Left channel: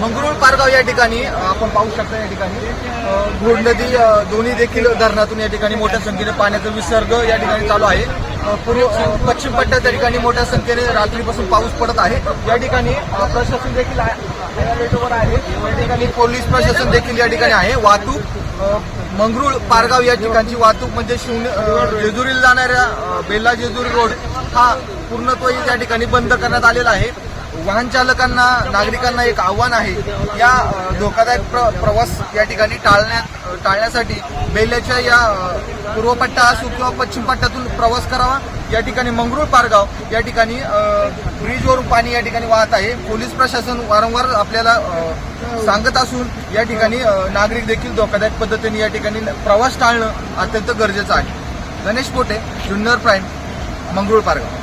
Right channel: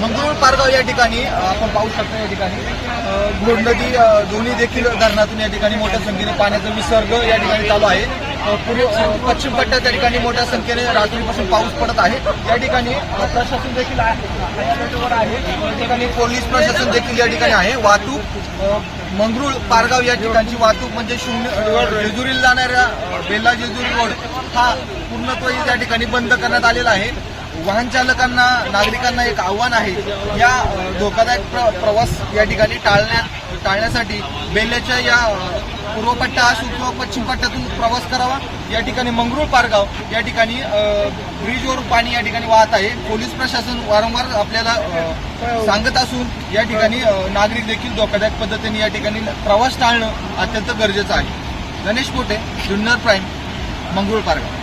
मंगरुळ पारगाव या ठिकाणी आपण पाहू शकता या ठिकाणी. घोड नदी दोन्ही देखील धरणातून या ठिकाणी मोठ्या संख्येने पाण्याचा विसर्ग या ठिकाणी चालू आहे. पूर्व पश्चिम पट्ट्यात त्या ठिकाणी मोठ्या संख्येने रात्रीपासून पाऊस पडत आहे. या ठिकाणी प्रशासन देखील आहे अलर्टवर आहे. या ठिकाणी पोलीस प्रशासन देखील या ठिकाणी आहे. वाहतूक अ, मंगरुळ पारगाव या ठिकाणची वाहतूक म्हणजे शून्य जेजुरीला जाणाऱ्या बेल्ला जेजुरी रोड हा पूर्णत्वही या ठिकाणी बंद करण्यात आलेला आहे. वाहन चालकांना नागरिकांना एक आव्हान आहे. या धोकादायक प्र, प्रवास या ठिकाणी टाळण्यात टाळण्यासाठी बेल्याच्या या पूर्वपट्टा असू असो किंवा पश्चिम पट्ट्यातून प्रवास करावा. या ठिकाणी मंगरुळ पारगाव या ठिकाणी ब्रिजवरून ब्रिजवर पाणी या ठिकाणी वाहत आहे. पोलीस प्रशासन वारंवार आपल्याला सांगत असून या ठिकाणी नागरिक देखील धोकादायक पद्धतीने या ठिकाणी प्रवास टाळणं अत्यंत गरजेचं आहे. गणेश कोटे जुन्नर प्राईम मंगरुळ पारगाव.